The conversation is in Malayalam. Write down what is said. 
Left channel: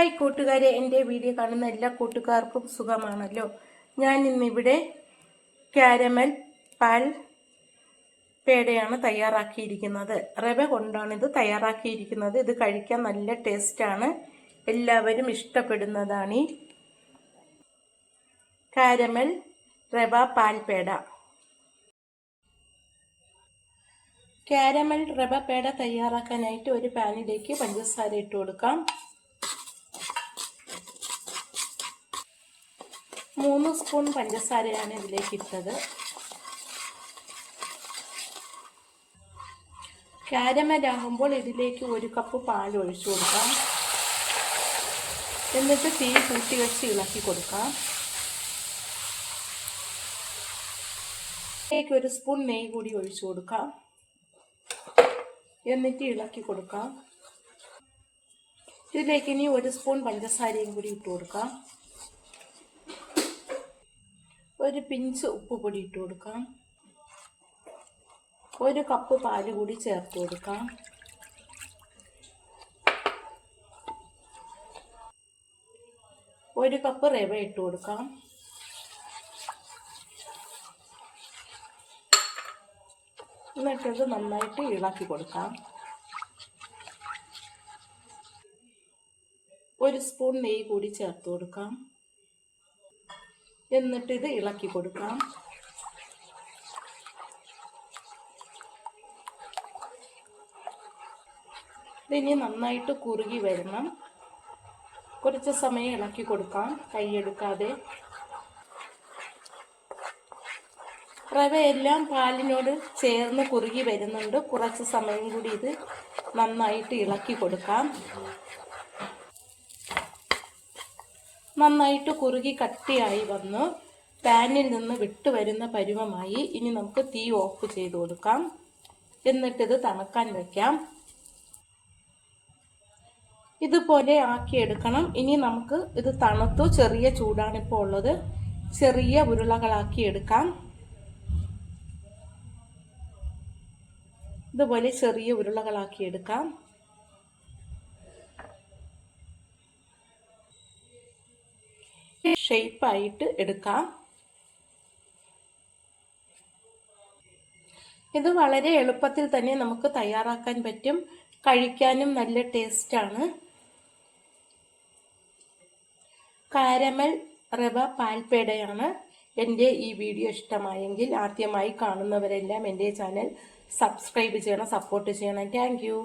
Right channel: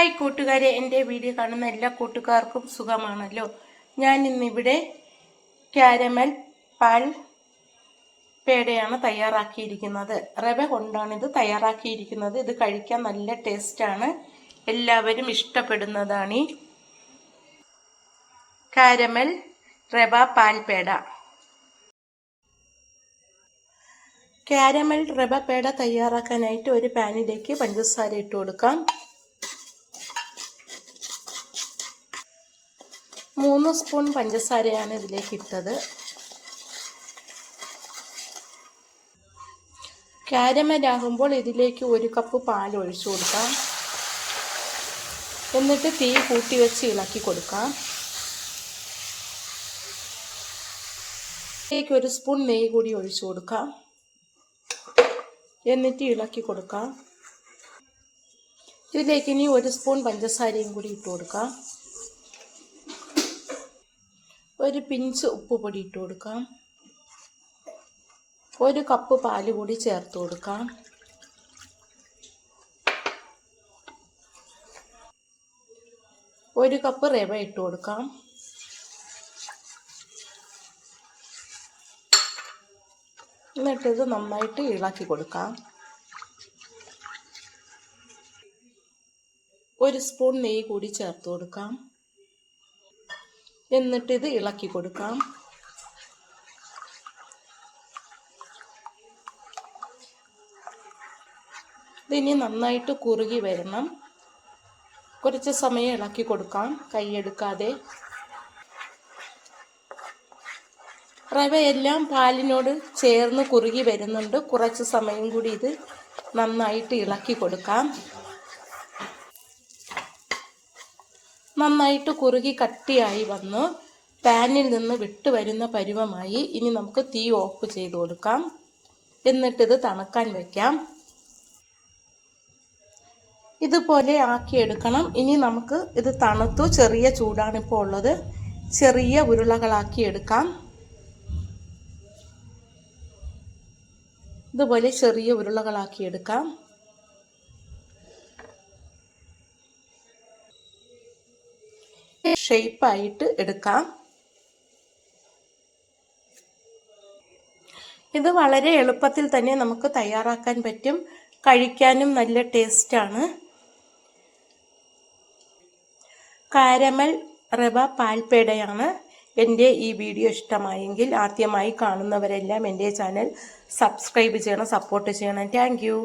ഹായ് കൂട്ടുകാരെ, എൻ്റെ വീഡിയോ കാണുന്ന എല്ലാ കൂട്ടുകാർക്കും സുഖമാണല്ലോ. ഞാൻ ഇന്നിവിടെ കാരമൽ പാൽ പേടയാണ് തയ്യാറാക്കിയിരിക്കുന്നത്. റവ കൊണ്ടാണ് ഇത് തയ്യാറാക്കിയിരിക്കുന്നത്. ഇത് കഴിക്കാൻ നല്ല ടേസ്റ്റാണ്, എല്ലാവരും ഇഷ്ടപ്പെടുന്നതാണ് ഈ കാരമൽ റവ പാൽ പേട. കാരമൽ റവ പേട തയ്യാറാക്കാനായിട്ട് ഒരു പാനിലേക്ക് പഞ്ചസാര ഇട്ട് കൊടുക്കാം. 3 സ്പൂൺ പഞ്ചസാരയാണ് ഇതിലേക്ക് ഇട്ടത്. കാരമലാകുമ്പോൾ ഇതിലേക്ക് 1 കപ്പ് പാൽ ഒഴിച്ചു കൊടുക്കാം. എന്നിട്ട് തീ കൂട്ടി വെച്ച് ഇളക്കി കൊടുക്കാം. ഇതിലേക്ക് 1 സ്പൂൺ നെയ്യ് കൂടി ഒഴിച്ചു കൊടുക്കാം. എന്നിട്ട് ഇളക്കി കൊടുക്കാം. ഇതിലേക്ക് ഇനി 1 സ്പൂൺ പഞ്ചസാരയും കൂടി ഇട്ട് കൊടുക്കാം. 1 പിഞ്ച് ഉപ്പുപൊടി ഇട്ട് കൊടുക്കാം. 1 കപ്പ് പാല് കൂടി ചേർത്ത് കൊടുക്കാം. ഒരു കപ്പ് റവ ഇട്ട് കൊടുക്കാം. എന്നിട്ടിത് നന്നായിട്ട് ഇളക്കി കൊടുക്കാം. 1 സ്പൂൺ നെയ്യ് കൂടി ചേർത്ത് കൊടുക്കാം. എന്നിട്ടിത് ഇളക്കി കൊടുക്കാം. ഇതിനി നന്നായിട്ട് കുറുകി വരണം. കുറച്ച് സമയം ഇളക്കി കൊടുക്കാം, കൈയെടുക്കാതെ. റവയെല്ലാം പാലിനോട് ചേർന്ന് കുറുകി വരുന്നുണ്ട്. കുറച്ച് സമയം കൂടി ഇത് നന്നായിട്ട് ഇളക്കി കൊടുക്കാം. നന്നായിട്ട് കുറുകി കട്ടിയായി വന്ന് പാനിൽ നിന്ന് വിട്ട് വരുന്ന പരുവമായി. ഇനി നമുക്ക് തീ ഓഫ് ചെയ്ത് കൊടുക്കാം. എന്നിട്ടിത് തണുക്കാൻ വയ്ക്കാം. ഇതുപോലെ ആക്കിയെടുക്കണം. ഇനി നമുക്ക് ഇത് തണുത്തു, ചെറിയ ചൂടാണ് ഇപ്പോൾ ഉള്ളത്. ചെറിയ ഉരുളകളാക്കി എടുക്കാം. ഇതുപോലെ ചെറിയ ഉരുളകളാക്കി എടുക്കാം. ഷേപ്പായിട്ട് എടുക്കാം. ഇത് വളരെ എളുപ്പത്തിൽ തന്നെ നമുക്ക് തയ്യാറാക്കാൻ പറ്റും. കഴിക്കാനും നല്ല ടേസ്റ്റാണ്. കാരമൽ റവ പാൽപേടയാണ്. എൻ്റെ ഈ വീഡിയോ ഇഷ്ടമായെങ്കിൽ ആദ്യമായി കാണുന്നവരെല്ലാം എൻ്റെ ചാനൽ സബ്സ്ക്രൈബ് ചെയ്യണം, സപ്പോർട്ട് ചെയ്യണം. Thank you.